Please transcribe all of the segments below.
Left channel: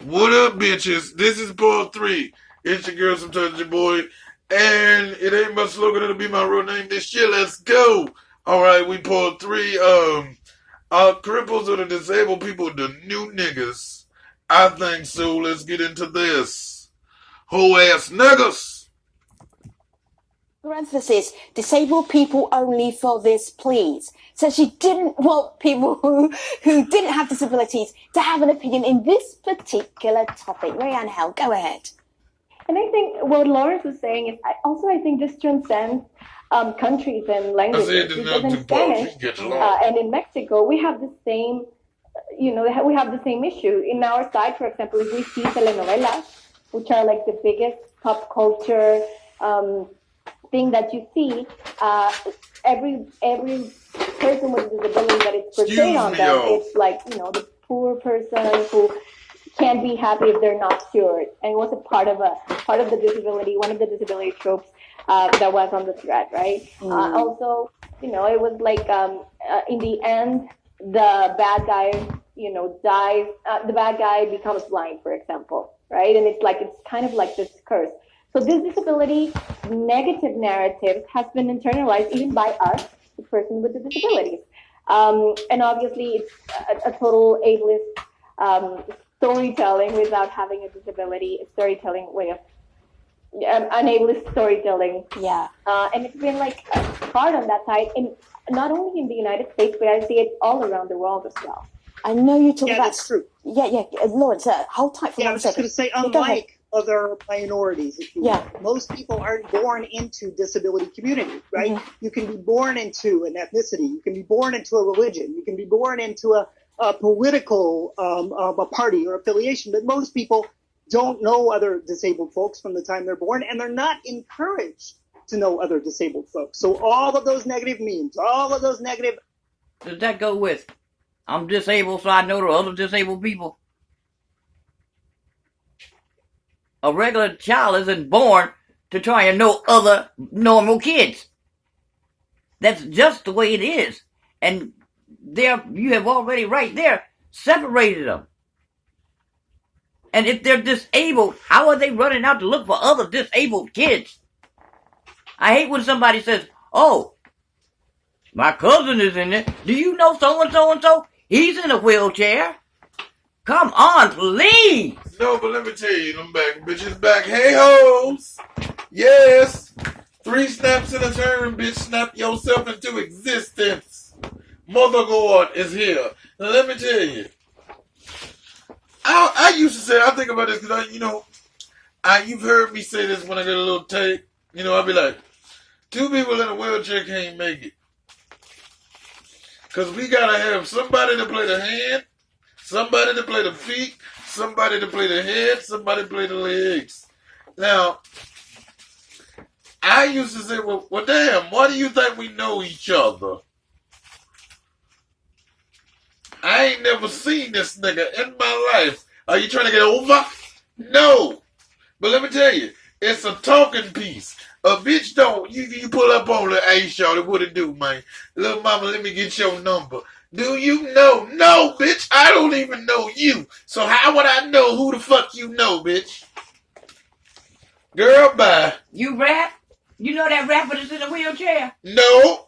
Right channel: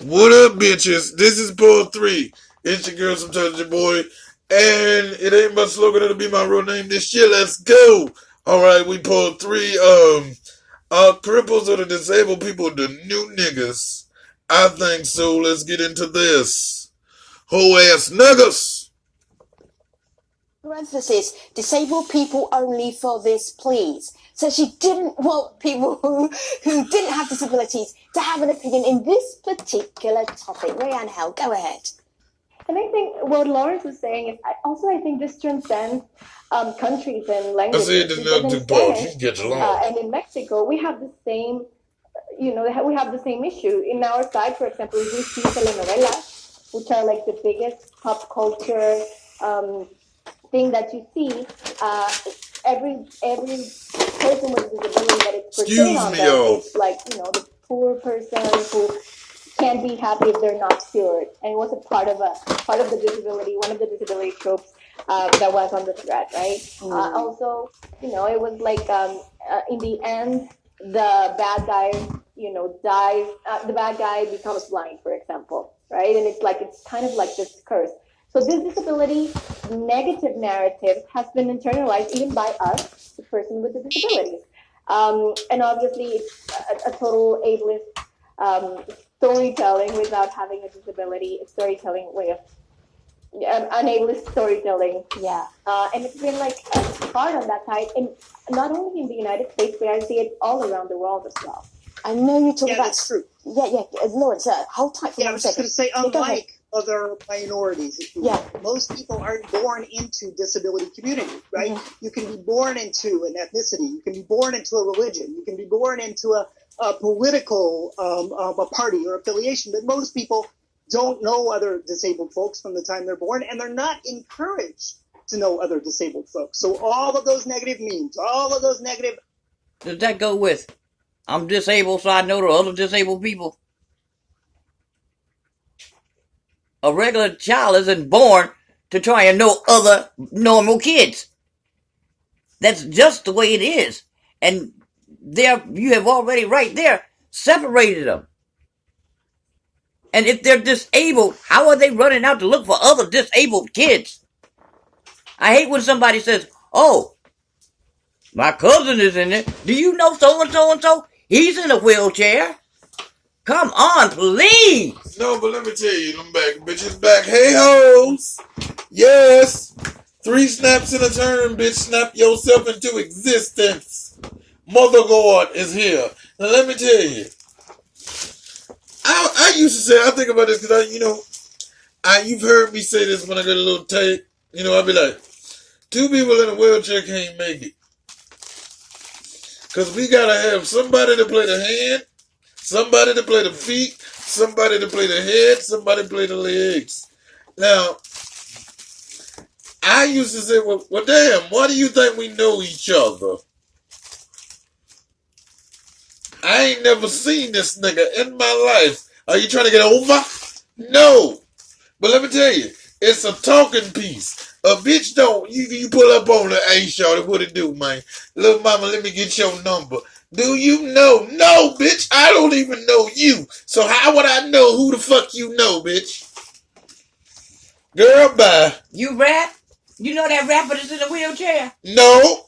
What up, bitches? This is part 3. It's your girl, sometimes your boy. And it ain't my slogan, it'll be my real name this year. Let's go. Alright, we part 3. Cripples or the disabled people, the new niggas. I think so. Let's get into this. Whole ass niggas. Parenthesis, disabled people only for this, please. So she didn't want people who didn't have disabilities to have an opinion in this particular topic. Rayanne Hell, go ahead. And I think what Lawrence was saying is, I think this transcends countries and languages. Because in Spanish and in Mexico, we have the same, we have the same issue. In our side, for example, we see telenovelas, which are like the biggest pop culture thing that you see. Every person with a disability that is portrayed on them, it's like, the poor person who can't be happy if they're not cured, and it was a part of the disability, one of the disability tropes that was on the thread, right? Also, it was like in the end, the bad guy, dies. The bad guy becomes blind, for example, right? And it's kind of like this curse. So this disability negative narrative has been internalized even by us, the person with the disabilities. And obviously, it's a total ableist storytelling without having a disability, a storytelling way of an ableist storytelling. Yeah. And it's been like hard on that side, and not only in the United States, but I see it all around the world as well. I know you talk about. That's true. Yeah. Lawrence, hold tight for 1 second. I was just going to say, unlike other minorities, most people aren't born into disability community, right? Mm-hmm. You can be born into an ethnicity, you can be born into a religion, you can be born into a political a party or affiliation, but most people don't know other disabled folks from the time they're born, and they're not encouraged to know other disabled folks. So all of those negative memes, all of those negative... Does that go with, I'm disabled so I know the other disabled people? A regular child isn't born to try and know other normal kids. That's just the way it is. And there, you have already right there separated them. And if they're disabled, how are they running out to look for other disabled kids? I hate when somebody says, oh, my cousin is in there. Do you know so-and-so and so? He's in a wheelchair. Come on, please. No, but let me tell you, them back bitches back. Hey hoes. Yes. 3 snaps in a turn, bitch. Snap yourself into existence. Mother God is here. Now let me tell you. I used to say, I think about this because you've heard me say this when I get a little tape. I'll be like, 2 people in a wheelchair can't make it. Because we got to have somebody to play the hand, somebody to play the feet, somebody to play the head, somebody to play the legs. Now, I used to say, well, damn, why do you think we know each other? I ain't never seen this nigga in my life. Are you trying to get over? No. But let me tell you, it's a talking piece. A bitch don't, you pull up on the hey, shawty, what it do, man? Little mama, let me get your number. Do you know? No, bitch, I don't even know you. So how would I know who the fuck you know, bitch? Girl, bye. You rap? You know that rapper that's in a wheelchair? No.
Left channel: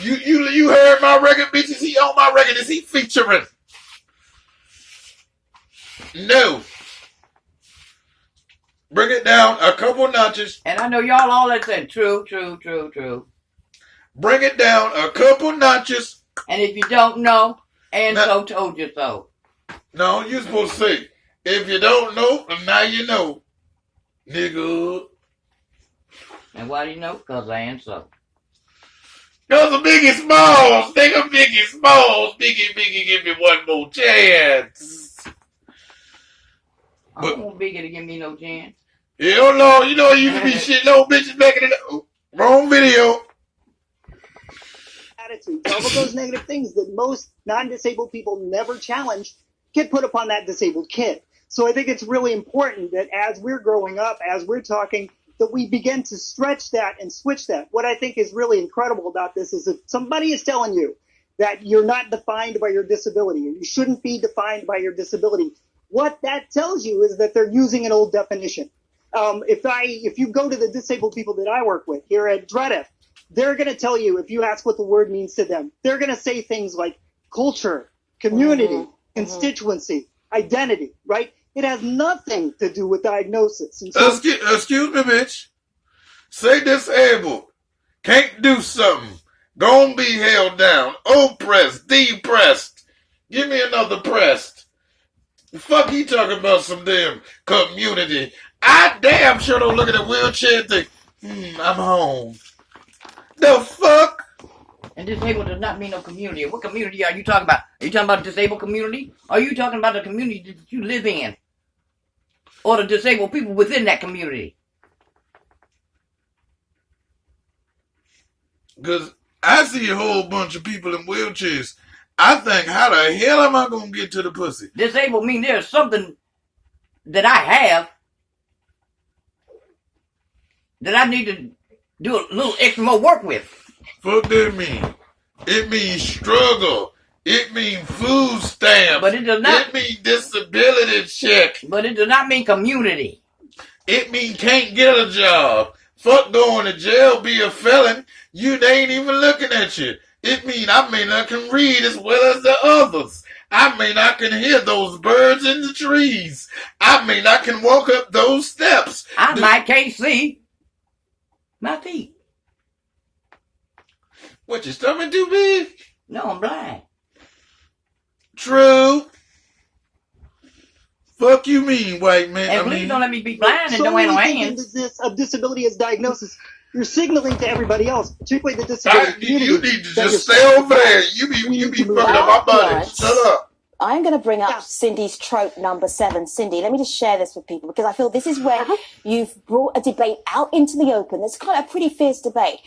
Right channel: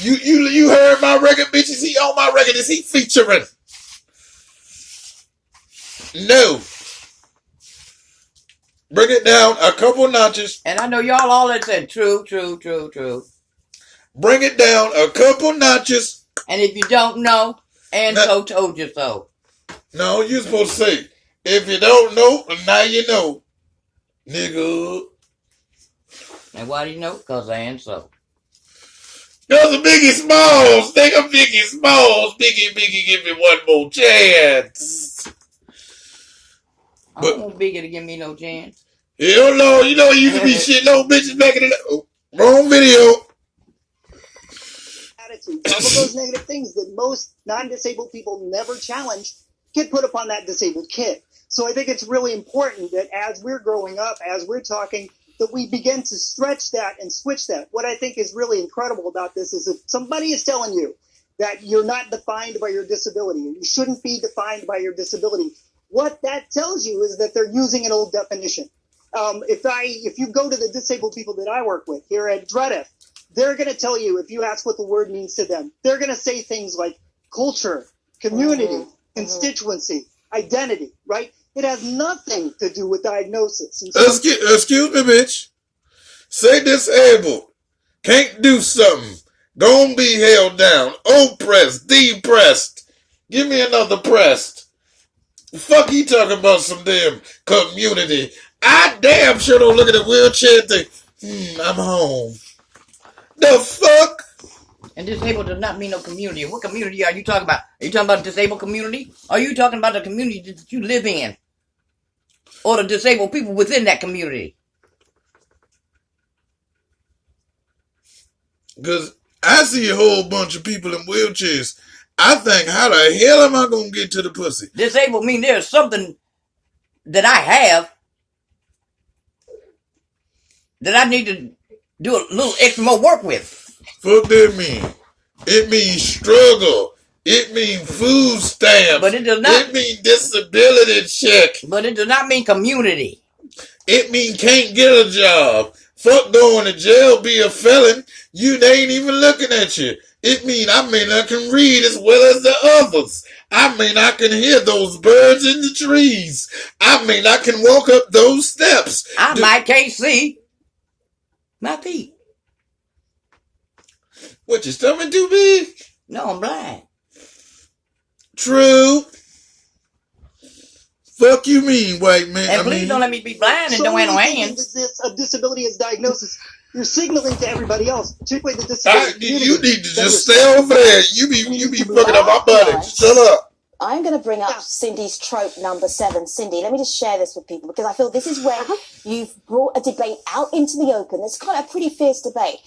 You heard my record, bitch? Is he on my record? Is he featuring? No. Bring it down a couple notches. And I know y'all all that said true. Bring it down a couple notches. And if you don't know, and now, so told you so. No, you're supposed to say, if you don't know, now you know. Nigga. And why do you know? Because I am so. Because of Biggie Smalls. Think of Biggie Smalls. Biggie, give me one more chance. I don't want Biggie to give me no chance. Hell no, he used to be shitting old bitches back in the day. Oh, wrong video. Attitude. All of those negative things that most non-disabled people never challenge get put upon that disabled kid. So I think it's really important that as we're growing up, as we're talking, that we begin to stretch that and switch that. What I think is really incredible about this is if somebody is telling you that you're not defined by your disability, or you shouldn't be defined by your disability, what that tells you is that they're using an old definition. If you go to the disabled people that I work with here at Dredif, they're going to tell you, if you ask what the word means to them, they're going to say things like culture, community, constituency, identity, right? It has nothing to do with diagnosis. And so, excuse me, bitch. Say disabled. Can't do something. Don't be held down. Oppressed. Depressed. Give me another pressed. Fuck you talking about some damn community. I damn sure don't look at a wheelchair and think, I'm home. The fuck? And disabled does not mean no community. What community are you talking about? Are you talking about the disabled community? Or are you talking about the community that you live in? Or the disabled people within that community? Because I see a whole bunch of people in wheelchairs. I think, how the hell am I going to get to the pussy? Disabled mean there's something that I have that I need to do a little extra more work with. Fuck that mean? It means struggle. It means food stamps. But it does not. It means disability check. But it does not mean community. It means can't get a job. Fuck going to jail, be a felon. They ain't even looking at you. It mean I can read as well as the others. I can hear those birds in the trees. I can walk up those steps. Can't see my feet. What, your stomach too big? No, I'm blind. True. Fuck you mean, white man? And please don't let me be blind and don't have no hands. Of disability as diagnosis, you're signaling to everybody else, particularly the disability community. You need to just stay over there. You be fucking up my body. Shut up. I'm going to bring up Cindy's trope number 7. Cindy, let me just share this with people because I feel this is where you've brought a debate out into the open. It's kind of a pretty fierce debate.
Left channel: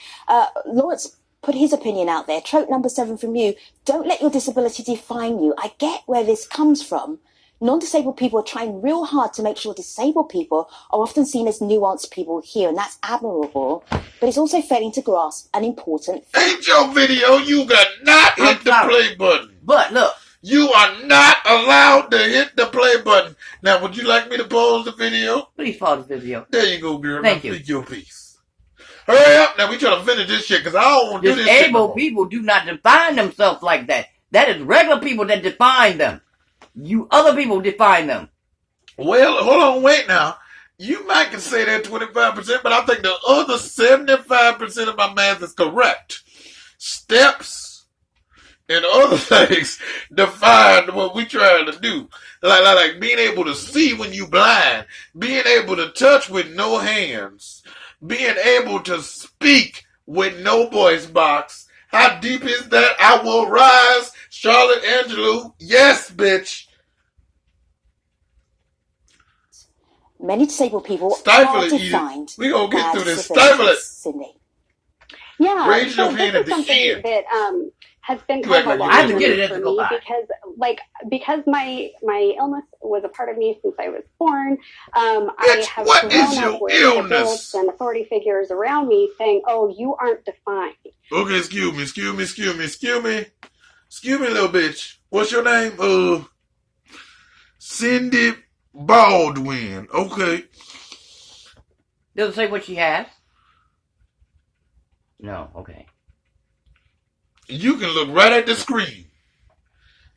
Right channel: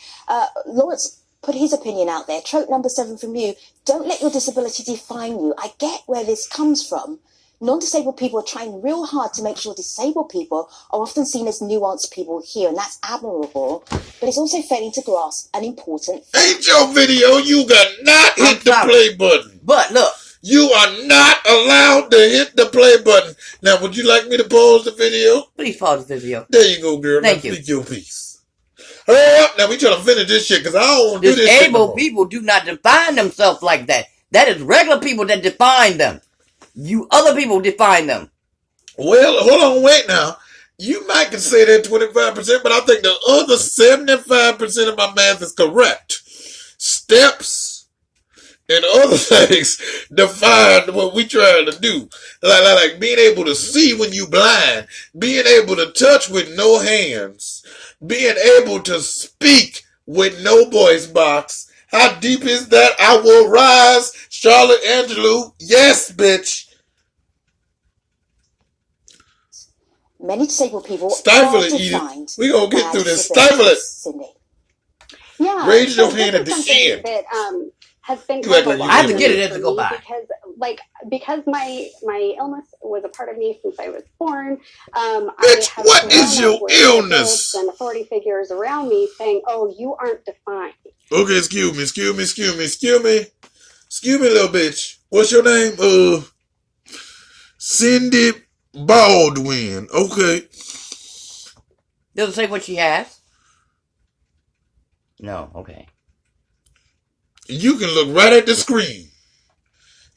Lawrence put his opinion out there. Trope number 7 from you. Don't let your disability define you. I get where this comes from. Non-disabled people are trying real hard to make sure disabled people are often seen as nuanced people here, and that's admirable. But it's also failing to grasp an important fact. Ain't your video, you got not hit the play button. But look. You are not allowed to hit the play button. Now, would you like me to pause the video? Please pause the video. There you go, girl. Thank now you. Speak your piece. Hurry up. Now, we trying to finish this shit because I don't want to do this shit Disabled no people do not define themselves like that. That is regular people that define them. You other people define them. Well, hold on, wait now. You might can say that 25%, but I think the other 75% of my math is correct. Steps and other things define what we trying to do. Like being able to see when you blind, being able to touch with no hands, being able to speak with no voice box. How deep is that? I will rise. Charlotte Angelou. Yes, bitch. Many disabled people Stifle are it, defined. We gonna get through this. disabilities. Stifle it. Cindy. Yeah. Raise your so hand at the end. that has been You act kind of like a you long didn't. Get it as for it go me by. because my illness was a part of me since I was born. Bitch, I have what is grown your up with illness? adults and authority figures around me saying, "Oh, you aren't defined." Okay, excuse me, little bitch. What's your name? Cindy Baldwin. Okay. Does it say what she has? No, okay. You can look right at the screen.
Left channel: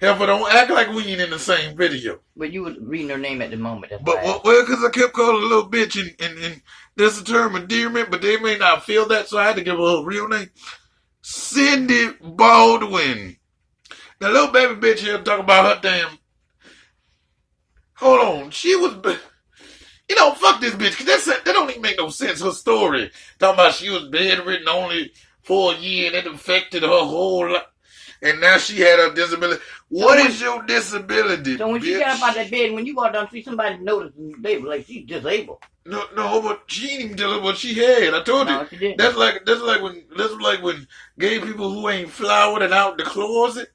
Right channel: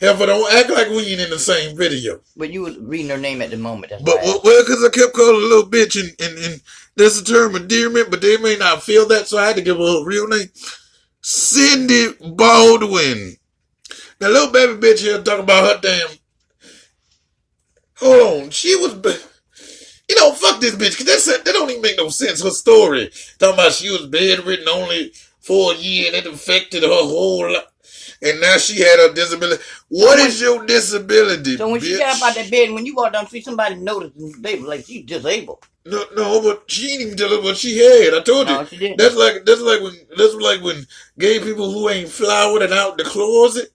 Heifer, don't act like we ain't in the same video. But you was reading her name at the moment. That's But, why. well, because I kept calling her a little bitch, and that's a term of endearment, but they may not feel that, so I had to give her a real name. Cindy Baldwin. That little baby bitch here talking about her damn... Hold on. She was... fuck this bitch, because that don't even make no sense, her story. Talking about she was bedridden only for a year, and it affected her whole life. And now she had a disability. What is your disability, So when she bitch? got up out that bed, when you walk down the street, somebody noticed they were like, she's disabled. No, but she didn't even tell her what she had. I told No, you. she didn't. That's like when gay people who ain't flowered and out the closet,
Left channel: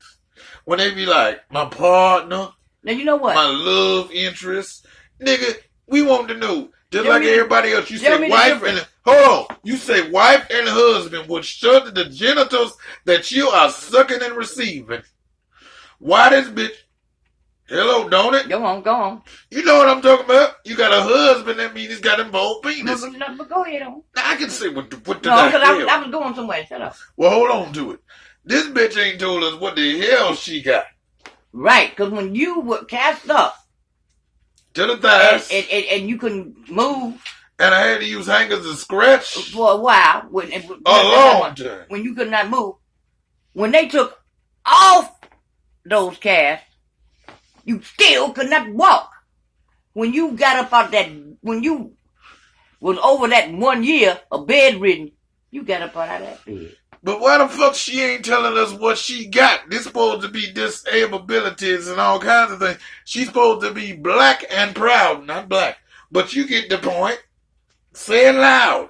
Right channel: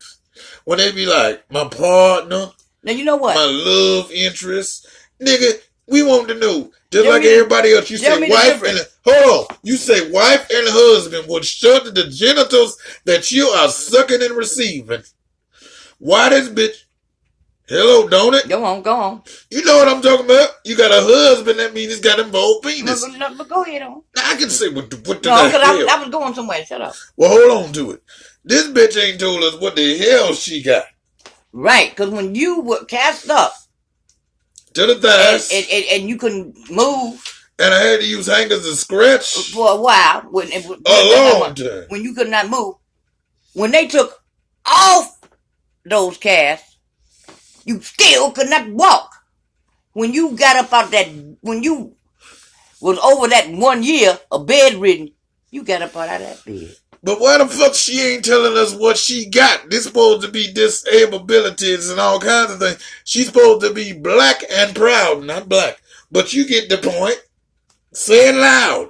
when they be like, my partner, Now, you know what? my love interest. Nigga, we want to know. Just Tell like me the- everybody else, you tell say me the wife difference. and... Hold on. You say wife and husband would shut the genitals that you are sucking and receiving. Why this bitch... Hello, don't it? Go on. You know what I'm talking about? You got a husband, that means he's got involved penis. But go ahead on. Now, I can say what the No, because I was going somewhere. Shut up. Well, hold on to it. This bitch ain't told us what the hell she got. Right, because when you were cast up to the thighs, and you couldn't move, and I had to use hangers to scratch for a while, long time, when you could not move, when they took off those casts, you still could not walk. When you got up out that, when you was over that 1 year of bedridden, you got up out of that bed. But why the fuck she ain't telling us what she got? This supposed to be disabilities and all kinds of things. She's supposed to be black and proud, not black. But you get the point. Say it loud.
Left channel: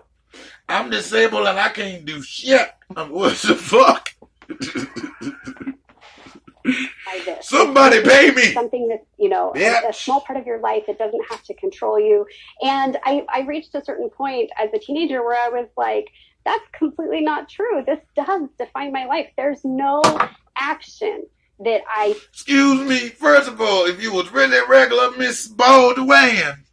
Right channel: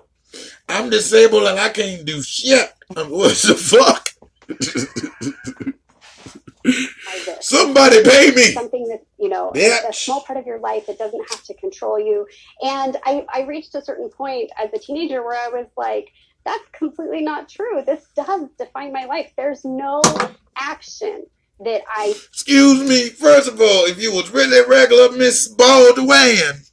I'm disabled and I can't do shit. What the fuck? Somebody pay me. Something that, a small part of your life that doesn't have to control you. And I reached a certain point as a teenager where I was like, that's completely not true. This does define my life. There's no action that I... Excuse me. First of all, if you was really regular Miss Baldwin,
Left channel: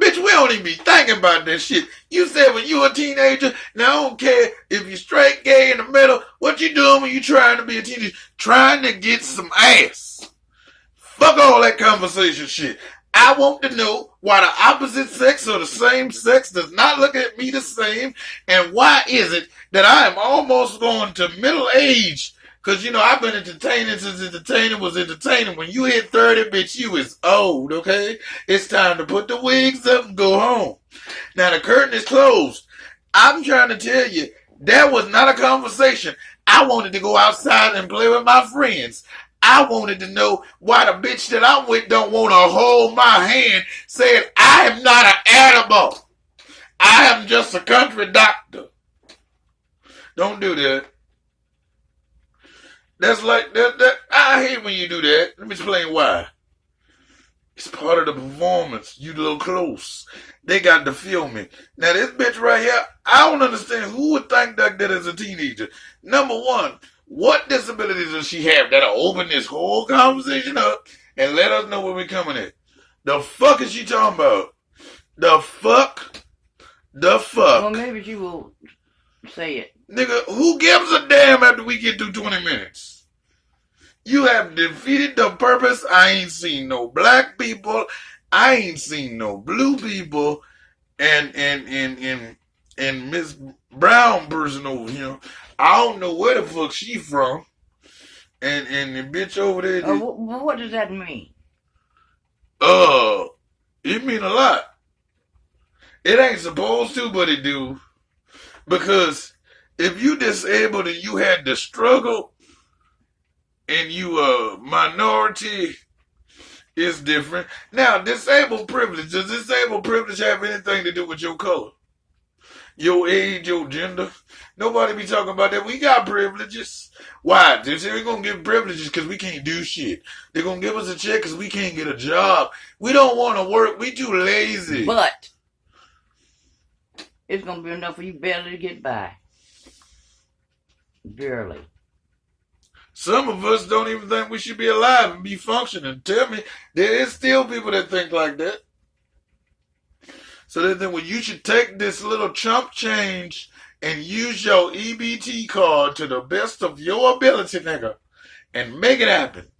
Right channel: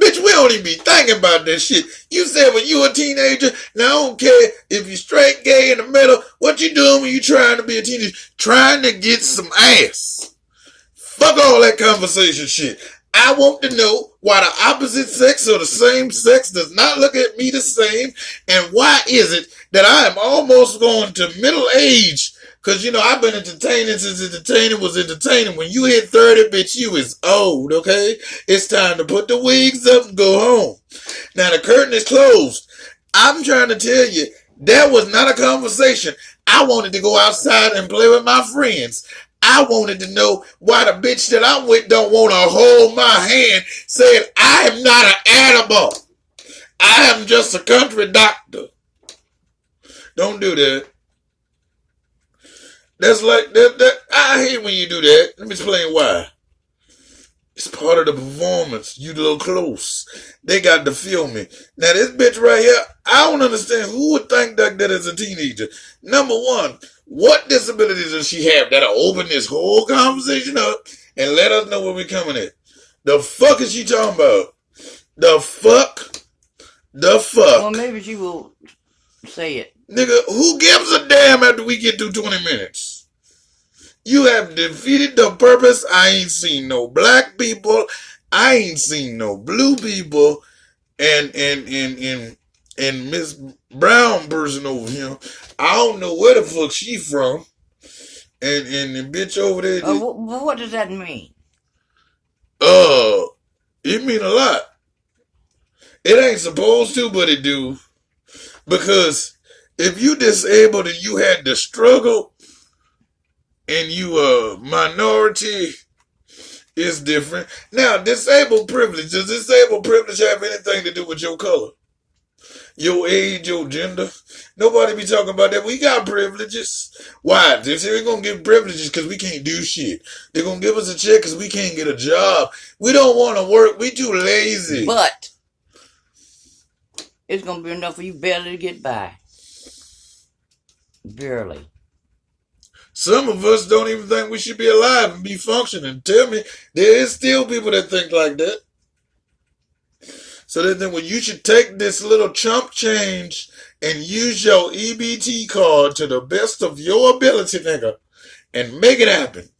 bitch, we don't even be thinking about that shit. You said when you a teenager, now I don't care if you straight, gay, in the middle, what you doing when you trying to be a teenager? Trying to get some ass. Fuck all that conversation shit. I want to know why the opposite sex or the same sex does not look at me the same, and why is it that I am almost going to middle age? Because, I've been entertaining since entertaining was entertaining. When you hit 30, bitch, you is old, okay? It's time to put the wigs up and go home. Now, the curtain is closed. I'm trying to tell you, that was not a conversation. I wanted to go outside and play with my friends. I wanted to know why the bitch that I'm with don't want to hold my hand, saying I am not an animal. I am just a country doctor. Don't do that. That's like that. I hate when you do that. Let me explain why. It's part of the performance. You a little close. They got to feel me. Now this bitch right here, I don't understand who would think that as a teenager. Number one, what disabilities does she have that'll open this whole conversation up and let us know where we're coming at? The fuck is she talking about? The fuck? Well, maybe she will say it. Nigga, who gives a damn after we get through 20 minutes? You have defeated the purpose. I ain't seen no black people. I ain't seen no blue people. And Miss Brown person over here, I don't know where the fuck she from. And the bitch over there. What does that mean? It mean a lot. It ain't supposed to, but it do. Because if you disabled and you had to struggle and you a minority, it's different. Now, disabled privilege. Does disabled privilege have anything to do with your color? Your age, your gender? Nobody be talking about that. We got privileges. Why? They say we're going to give privileges because we can't do shit. They're going to give us a check because we can't get a job. We don't want to work. We too lazy. But it's going to be enough for you barely to get by. Barely. Some of us don't even think we should be alive and be functioning. Tell me, there is still people that think like that. So they think, well, you should take this little chump change and use your EBT card to the best of your ability, nigga, and make it happen.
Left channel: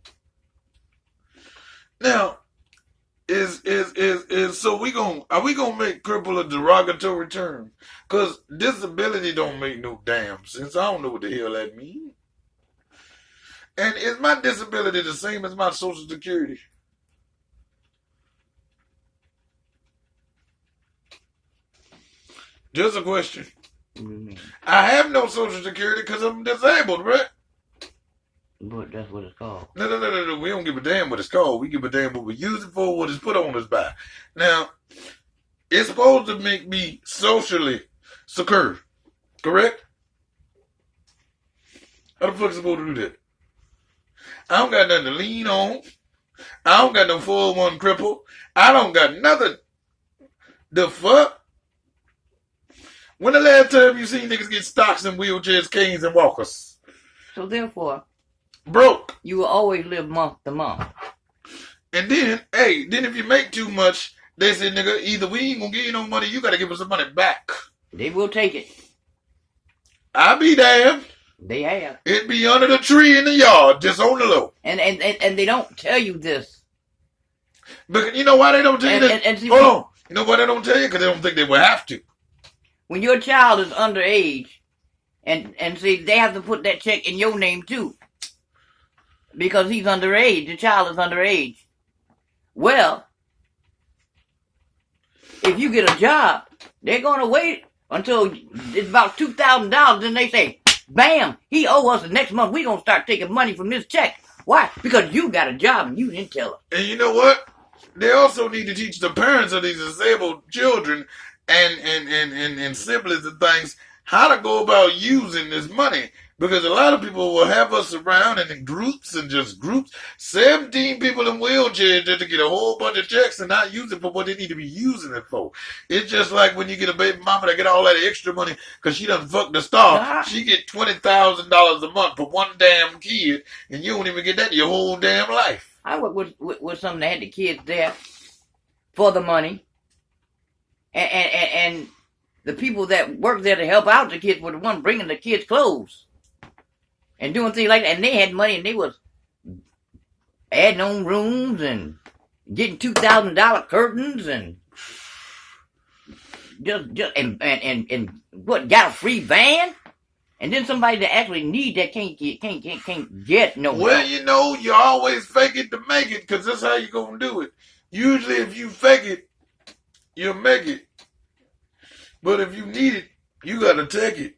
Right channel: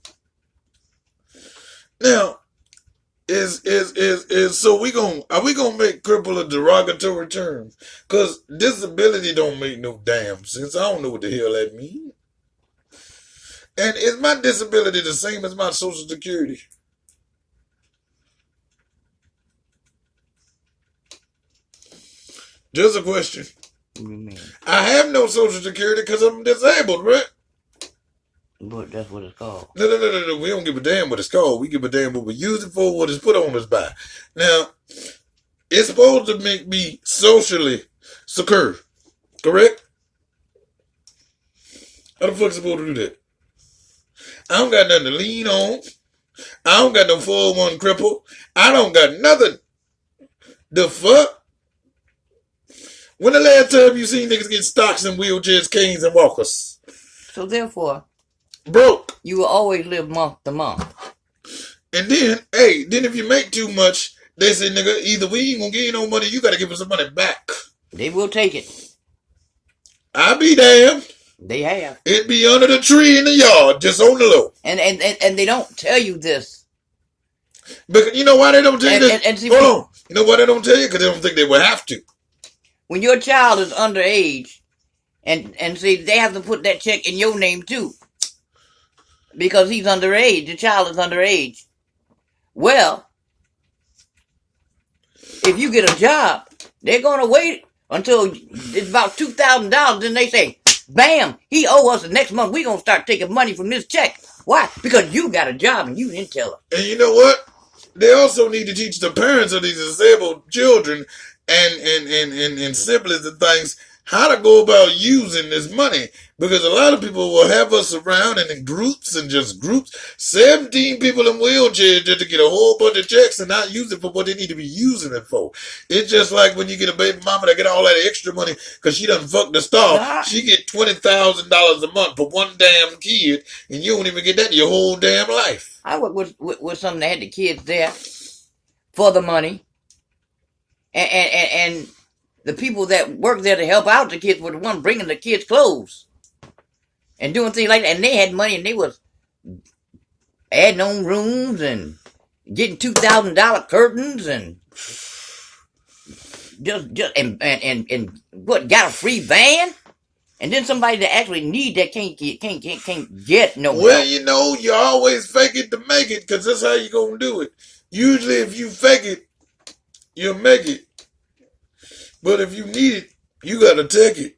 Now, so are we gonna make cripple a derogatory term? Cause disability don't make no damn sense. I don't know what the hell that means. And is my disability the same as my Social Security? Just a question. I have no Social Security because I'm disabled, right? But that's what it's called. No. We don't give a damn what it's called. We give a damn what we use it for, what it's put on us by. Now, it's supposed to make me socially secure, correct? How the fuck supposed to do that? I don't got nothing to lean on. I don't got no 401 cripple. I don't got nothing. The fuck? When the last time you seen niggas get stocks and wheelchairs, canes, and walkers? So therefore, broke. You will always live month to month. And then, hey, then if you make too much, they say, nigga, either we ain't gonna give you no money, you gotta give us some money back. They will take it. I be damned. They have. It be under the tree in the yard, just on the low. And they don't tell you this. But you know why they don't tell you this? And see, hold on. You know why they don't tell you? Because they don't think they will have to. When your child is underage, and see, they have to put that check in your name too. Because he's underage. The child is underage. Well, if you get a job, they're going to wait until it's about $2,000. Then they say, bam, he owe us the next month. We're going to start taking money from this check. Why? Because you got a job and you didn't tell her. And you know what? They also need to teach the parents of these disabled children and siblings and things how to go about using this money. Because a lot of people will have us around and in groups and just groups. 17 people in wheelchairs just to get a whole bunch of checks and not use it for what they need to be using it for. It's just like when you get a baby mama that get all that extra money because she done fucked the star. She get $20,000 a month for one damn kid, and you don't even get that your whole damn life. I worked with some that had the kids there for the money. And the people that worked there to help out the kids were the one bringing the kids clothes. And doing things like that. And they had money and they was adding on rooms and getting $2,000 curtains and just and what, got a free van? And then somebody that actually need that can't get no Well, help. you know, you always fake it to make it, because that's how you gonna do it. Usually if you fake it, you'll make it. But if you need it, you gotta take it.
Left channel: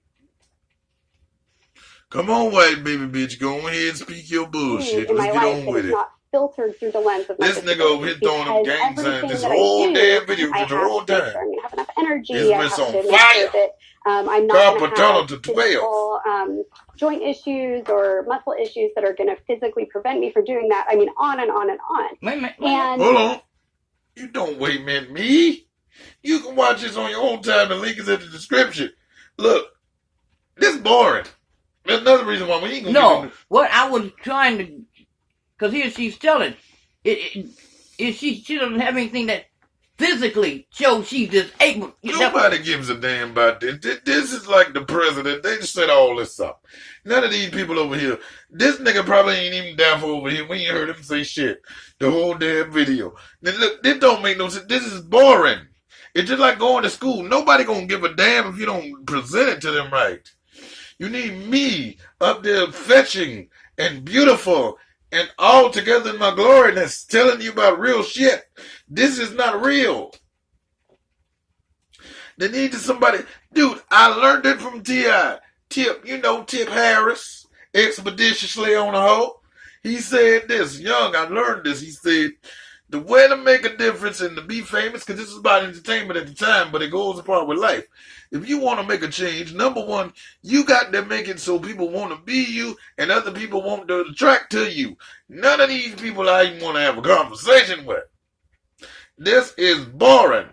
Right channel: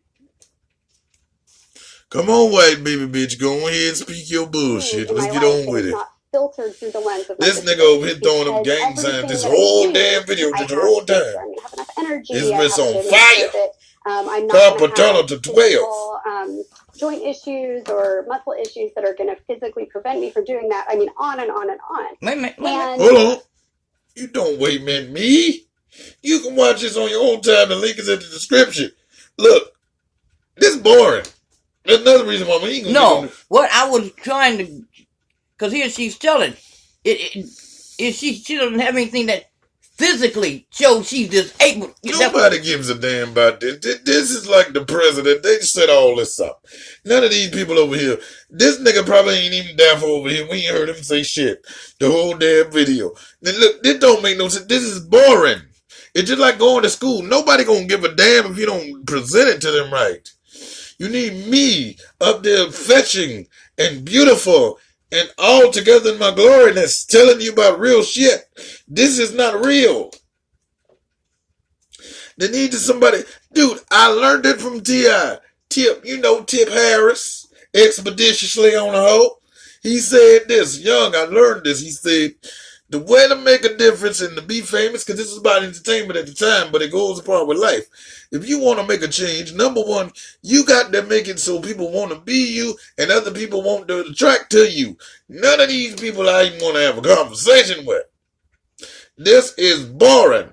Come on, white baby bitch, go ahead and speak your bullshit. Let's get on with it. Filtered through the lens of this nigga over here throwing them gang signs this whole damn video just the whole time. I'm gonna have enough energy. It's been on fire. I'm not going to have physical, joint issues or muscle issues that are going to physically prevent me from doing that. I mean, on and on and on. Wait. Hold on. You don't wait, man. Me? You can watch this on your own time. The link is in the description. Look, this is boring. There's another reason why we ain't gonna No, what I was trying to, because here she's telling, she doesn't have anything that physically shows she's disabled. Nobody gives a damn about this. This is like the president. They just set all this up. None of these people over here. This nigga probably ain't even down for over here. We ain't heard him say shit the whole damn video. Then look, this don't make no sense. This is boring. It's just like going to school. Nobody gonna give a damn if you don't present it to them right. You need me up there fetching and beautiful and all together in my gloriness telling you about real shit. This is not real. They need somebody. Dude, I learned it from T.I. Tip Harris, expeditiously on a hoe. He said this, young, I learned this. He said, the way to make a difference and to be famous, because this is about entertainment at the time, but it goes apart with life. If you want to make a change, number one, you got to make it so people want to be you and other people want to attract to you. None of these people I even want to have a conversation with. This is boring.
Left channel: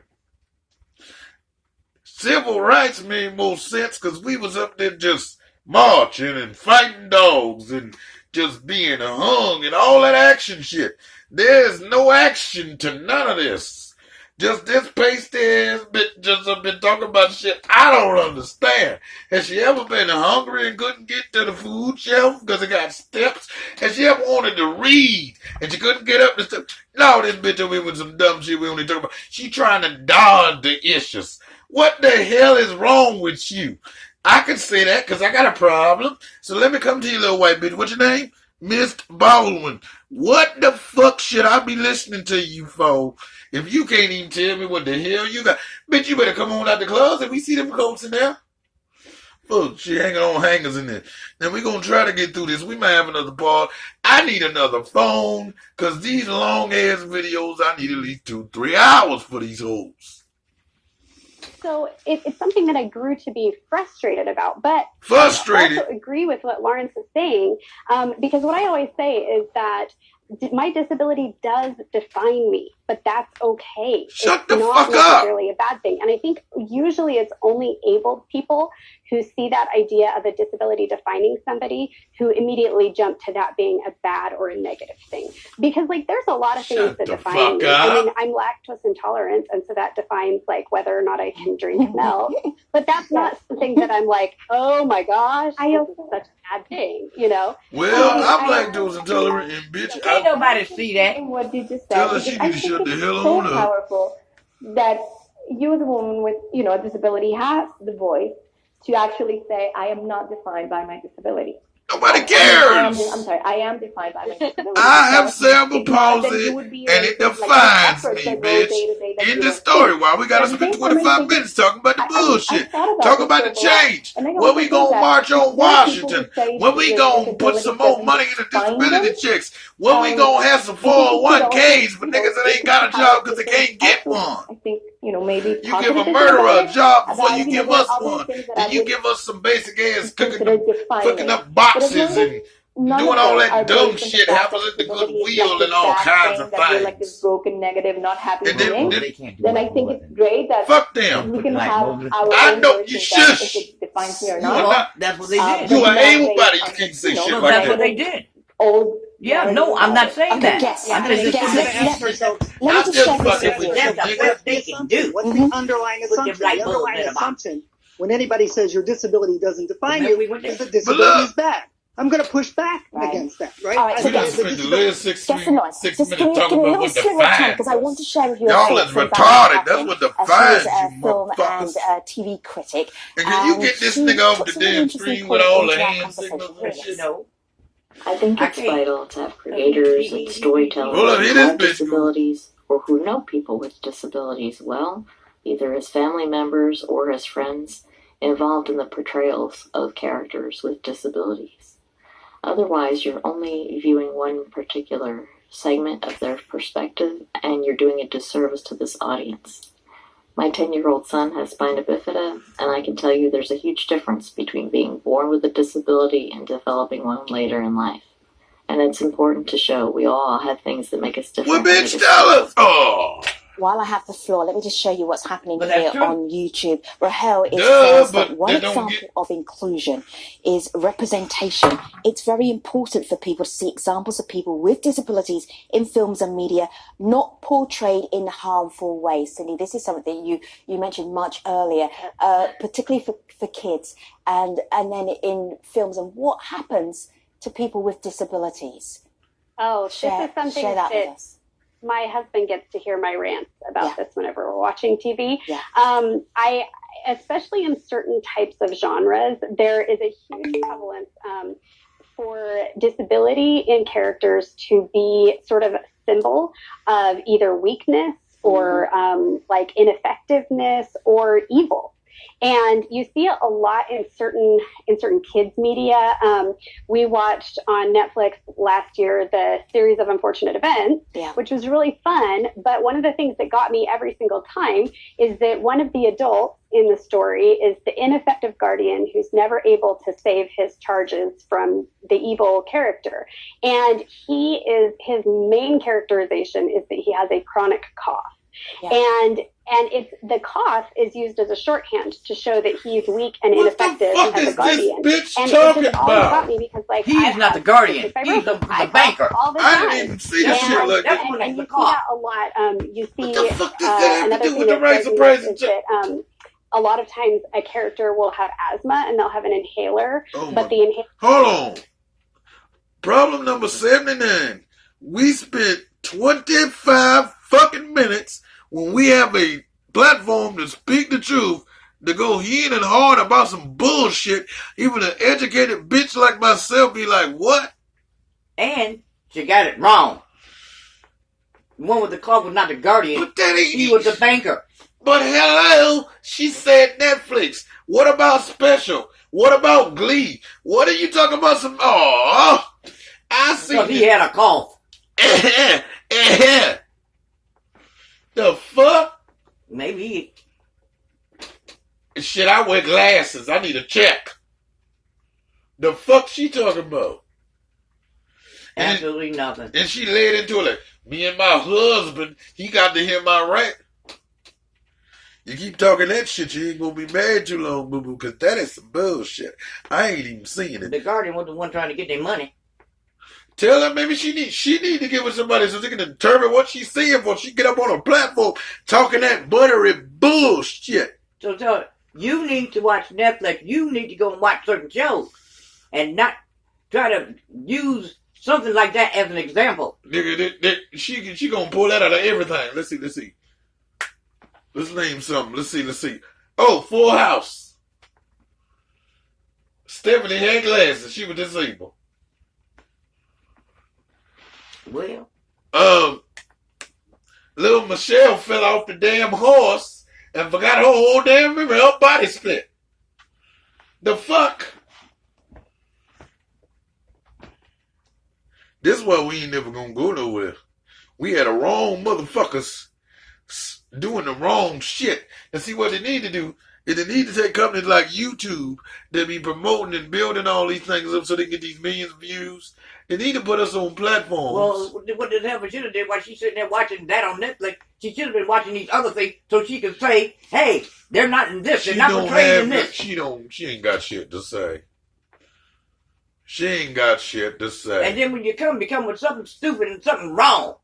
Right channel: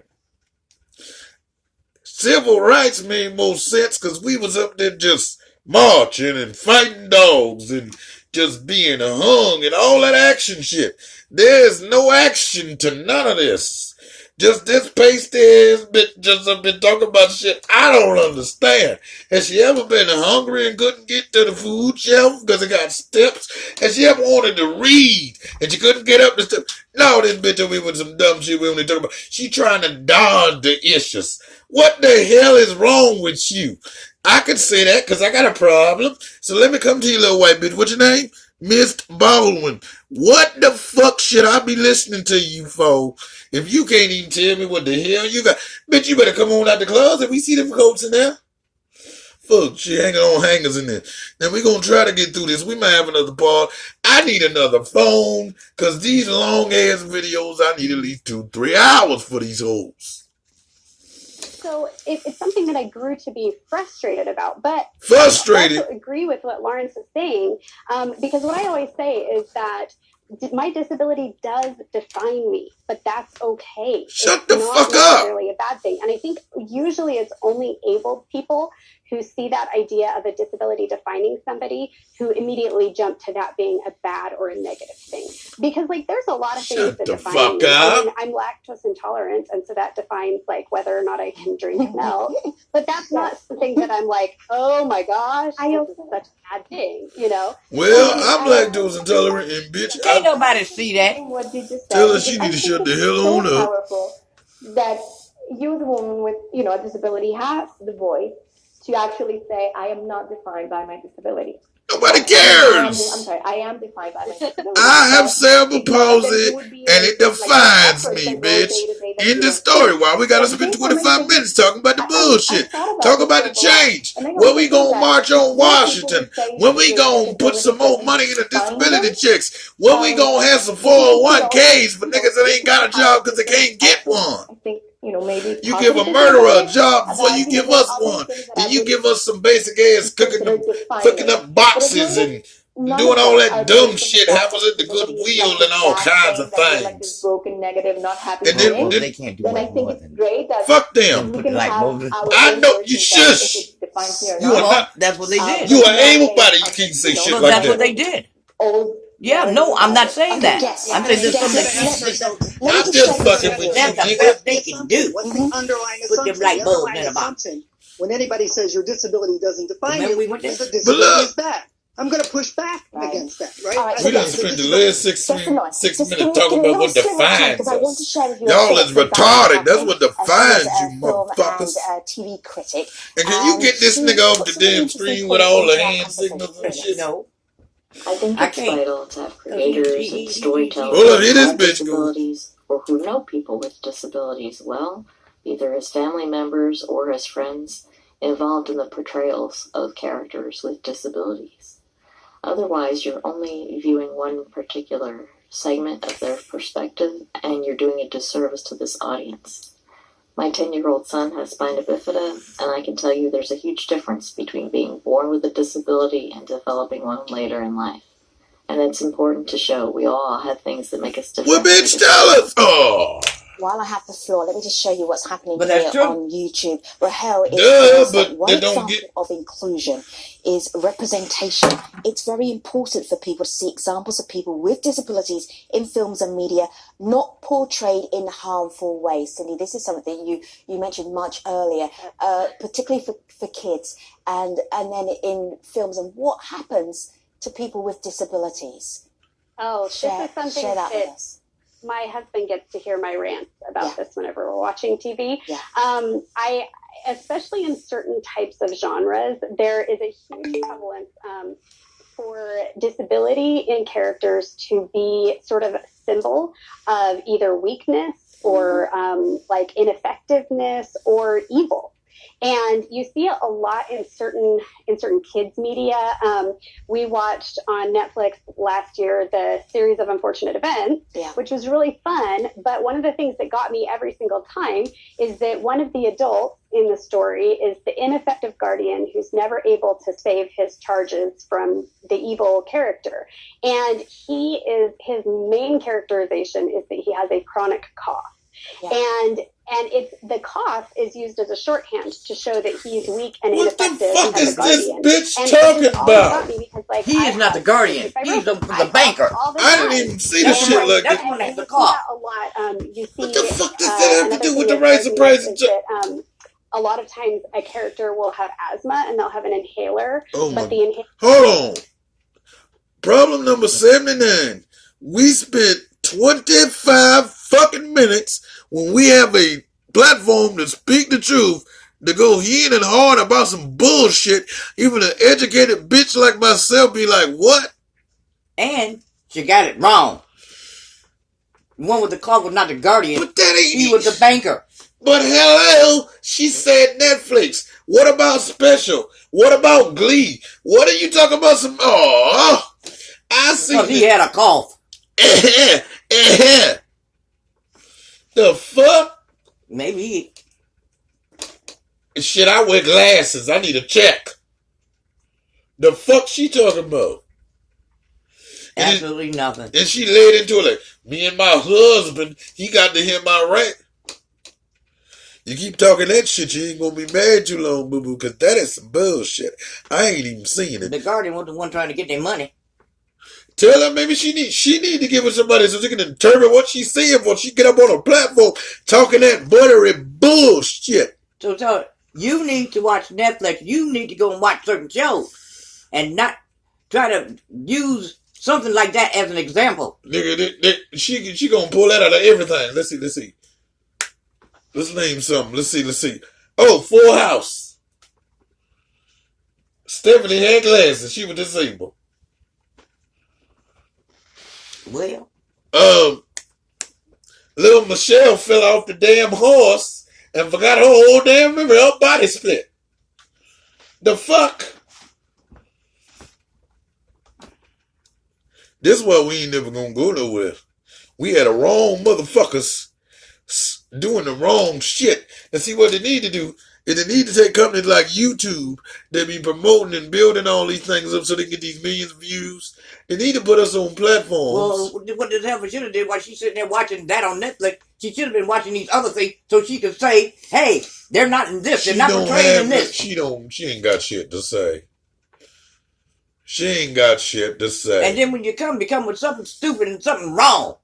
Civil rights made more sense because we was up there just marching and fighting dogs and just being hung and all that action shit. There's no action to none of this. Just this pasty ass bitch just have been talking about shit I don't understand. Has she ever been hungry and couldn't get to the food shelf because it got steps? Has she ever wanted to read and she couldn't get up the steps? No, this bitch over here with some dumb shit we only talk about. She trying to dodge the issues. What the hell is wrong with you? I could say that because I got a problem. So let me come to you, little white bitch. What's your name? Miss Baldwin. What the fuck should I be listening to you for if you can't even tell me what the hell you got? Bitch, you better come on out the closet. We see them coats in there. Fuck, she hanging on hangers in there. Then we gonna try to get through this. We might have another part. I need another phone because these long ass videos, I need at least 2-3 hours for these hoes. So it's something that I grew to be frustrated about, but frustrated. I also agree with what Lawrence is saying, because what I always say is that my disability does define me, but that's okay. Shut the fuck up. It's not necessarily a bad thing. And I think usually it's only able people who see that idea of a disability defining somebody who immediately jump to that being a bad or a negative thing. Because like there's a lot of things that define me. I mean, I'm lactose intolerant, and so that defines like whether or not I can drink milk. But that's not something that I'm like, oh my gosh, I this is such a bad thing, you know? Well, I'm lactose intolerant, and bitch, Can't nobody see that. What you just tell her said, she I need to think shut the it's hell so on up. powerful that you as a woman with, you know, a disability has the voice to actually say, I am not defined by my disability. Nobody cares. I am defined by my disability. I have cerebral palsy, and it defines me, bitch. In the story, why we gotta spend 25 minutes talking about the bullshit? Talk about the change. When we gonna march on Washington? When we gonna put some more money in the disability checks? When we gonna have some 401ks for niggas that ain't got a job because they can't get one? I think, you know, maybe you give a murderer a job before you give us one. Then you give us some basic ass cooking up boxes and doing all that dumb shit happens at the Goodwill and all kinds of things. Like this broken, negative, not happy and then, they can't do then I think it's great that fuck them. we can have our I know own you version that shush. if it defines me or You are not. not. That's what they did. You are able body. You can't say shit No, like that's that. what they did. Old. Yeah, no, I'm not saying that. Yes. I'm just Let I'm me just share fucking this with That's you, the nigga. best they can do. What's the underlying Put them assumption? light The bulbs underlying in a box. assumption when anybody says your disability doesn't define Remember you we went there? is that disability is bad. I'm going to push back against that, right? All right, We so done spent the last 6 minutes Just talking about what defines because I want to us. share with you Y'all is retarded. That's what defines you, film motherfuckers. and TV critic. And can you get this nigga off put the some damn interesting screen with points all the into our hand signals and shit? No. I think I it's can't. vital to have creators and storytellers Hold up, here who this have bitch go. disabilities or who know people with disabilities well, either as family members or as friends, involved in the portrayals of characters with disabilities. Otherwise, you're only viewing one particular segment of their perspective, and you're doing a disservice to this audience. My 10-year-old son has spina bifida, and I can tell you there's a huge difference between being born with a disability and developing one later in life. And it's important to show we all have things that make us different. Well, bitch, tell us. Oh. While I have the floor, let me just show you what's happening But here that's true. on YouTube. Rahel is Duh, saying but that one they don't example get- of inclusion is representation. It's very important for people to see examples of people with disabilities in films and media, not portrayed in harmful ways. Cindy, this is something that you mentioned much earlier, particularly for kids, and then in films, and what happens to people with disabilities. Oh, this is something share that with us. My husband gets to hear my rants about this whenever we're watching TV. Yeah. I, especially in certain types of genres, there is a huge prevalence for disability in characters to be sort of a symbol of either weakness or like ineffectiveness or evil. And you see it a lot in certain kids media. We watched on Netflix last year the series of Unfortunate Events, which was really fun. But one of the things that got me every single time is that one of the adults in the story is the ineffective guardian who's never able to save his charges from the evil character. And his main characterization is that he has a chronic cough. Yeah. And it's the cough is used as a shorthand to show that he's weak and ineffective as a guardian. This bitch and talking it just about? got me because, like, He is not the guardian. He's the banker. I didn't even see the shit like That's that. when that's the You see cough. that a lot. You see What the fuck does that have to another do with thing the that rights of price and that, a lot of times a character will have asthma and they'll have an inhaler, but the inhaler. Hold on. Problem number 79. We spent 25 fucking minutes when we have a platform to speak the truth, to go in and hard about some bullshit. Even an educated bitch like myself be like, what? And she got it wrong. The one with the cough was not the guardian. But that ain't... He was the banker. But hello, she said Netflix. What about Special? What about Glee? What are you talking about? Some... Oh, I see... Because he had a cough. The fuck? Maybe. Shit, I wear glasses. I need a check. The fuck she talking about? Absolutely nothing. And she laid into it like, me and my husband, he got to hear my rant. You keep talking that shit, you ain't gonna be mad too long, boo boo, because that is some bullshit. I ain't even seen it. The Guardian was the one trying to get their money. Tell her maybe she need to give her somebody so she can determine what she's seeing before she get up on a platform talking that buttery bullshit. So tell her, you need to watch Netflix. You need to go and watch certain shows and not try to use something like that as an example. Nigga, she gonna pull that out of everything. Let's see. Let's name something. Let's see. Oh, Full House. Stephanie had glasses. She was disabled. Well. Little Michelle fell off the damn horse and forgot her whole damn memory. Her body split. The fuck? This is why we ain't never gonna go nowhere. We had the wrong motherfuckers doing the wrong shit. And see what they need to do is they need to take companies like YouTube that be promoting and building all these things up so they get these millions of views. They need to put us on platforms. Well, what the hell should have did while she's sitting there watching that on Netflix? She should have been watching these other things so she could say, hey, they're not in this. They're not portrayed in this. She ain't got shit to say. She ain't got shit to say. And then when you come with something stupid and something wrong.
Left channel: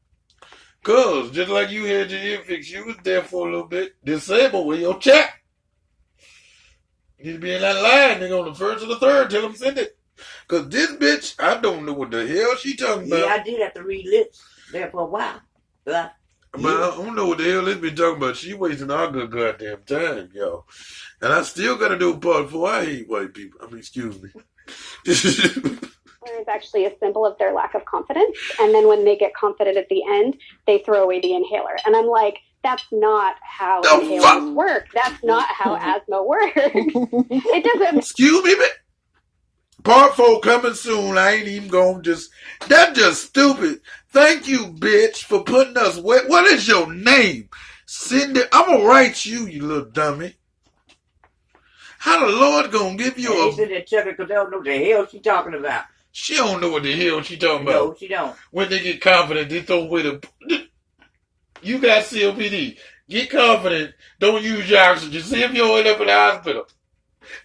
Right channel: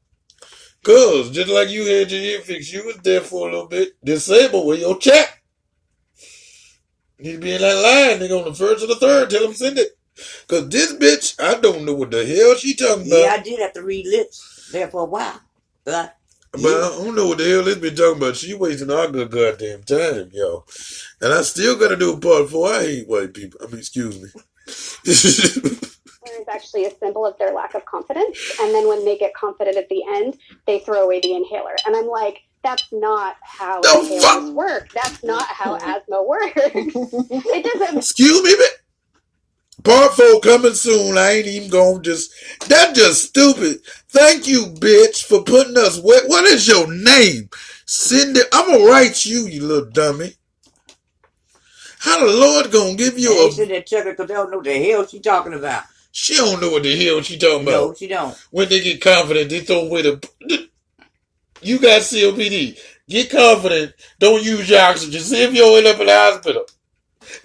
Cause just like you had your ear fixed, you was there for a little bit. Disabled with your check. Need to be in that line. Nigga on the first or the third. Tell them send it. Cause this bitch, I don't know what the hell she talking about. Yeah, I did have to read lips there for a while. But I don't know what the hell this bitch talking about. She wasting our good goddamn time, yo. And I still gotta do a part 4. I hate white people. I mean, excuse me. Is actually a symbol of their lack of confidence, and then when they get confident at the end, they throw away the inhaler. And I'm like, that's not how inhalers work. That's not how asthma works. It doesn't. Excuse me, part 4 coming soon. I ain't even gonna that's just stupid. Thank you, bitch, for putting us. What is your name? Cindy. I'm gonna write you, you little dummy. How the Lord gonna give you They said that checker because they don't know what the hell she talking about. She don't know what the hell she talking about. No, she don't. When they get confident, they throw away You got COPD. Get confident. Don't use your oxygen. See if you end up in the hospital.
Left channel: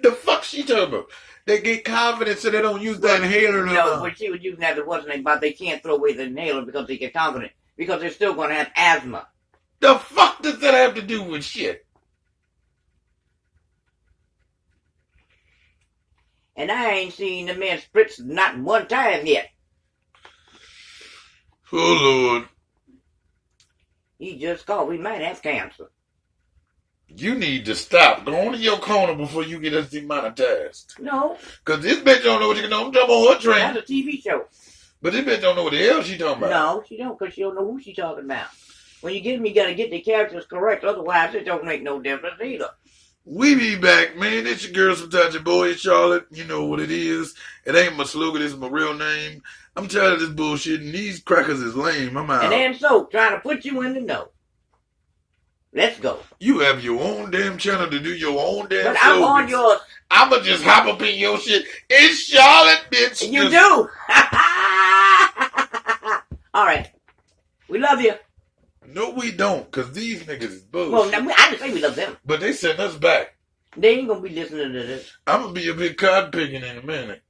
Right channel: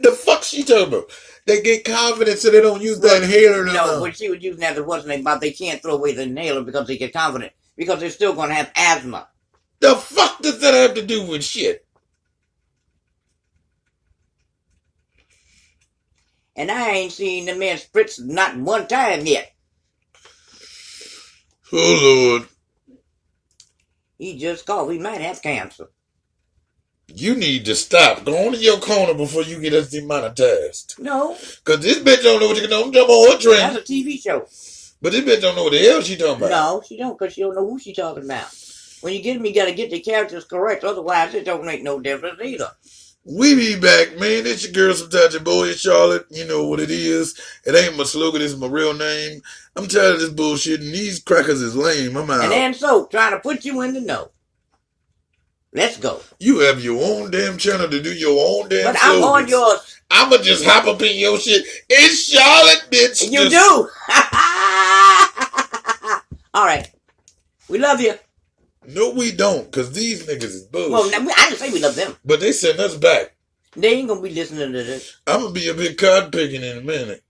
The fuck she talking about? They get confident so they don't use that inhaler. No, what she was using that wasn't about they can't throw away the inhaler because they get confident. Because they're still going to have asthma. The fuck does that have to do with shit? And I ain't seen the man spritz not one time yet. Oh, Lord. He just called. We might have cancer. You need to stop. Go on to your corner before you get us demonetized. No. Because this bitch don't know what you can do. I'm jumping on her train. That's a TV show. But this bitch don't know what the hell she talking about. No, she don't, because she don't know who she talking about. When you get them, you got to get the characters correct. Otherwise, it don't make no difference either. We be back, man. It's your girl, sometimes your boy, Charlotte. You know what it is. It ain't my slogan. It's my real name. I'm tired of this bullshit, and these crackers is lame. I'm out. And then so, trying to put you in the know. Let's go. You have your own damn channel to do your own damn But I'm on yours. I'ma just hop up in your shit. It's Charlotte, bitch. And you do. All right. We love you. No, we don't, because these niggas is bullshit. Well, I didn't say we love them. But they sent us back. They ain't going to be listening to this. I'm going to be a bit cotton picking in a minute.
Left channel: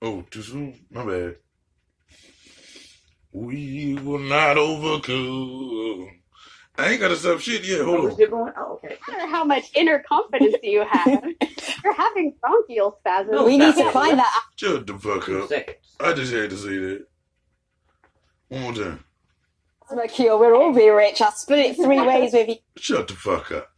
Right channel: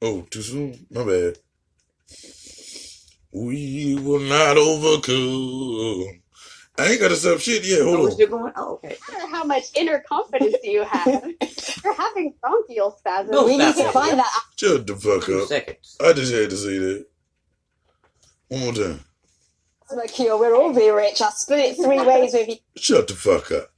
Oh, too soon? My bad. We will not overcome. I ain't got to stop shit yet. Hold on. Still going? Oh, okay. I don't know how much inner confidence you have. You're having bronchial spasms. We need to find that out. Shut the fuck 2 up. seconds. I just had to say that. One more time. Cure, we'll all be rich. I'll split it 3 ways with you. Shut the fuck up.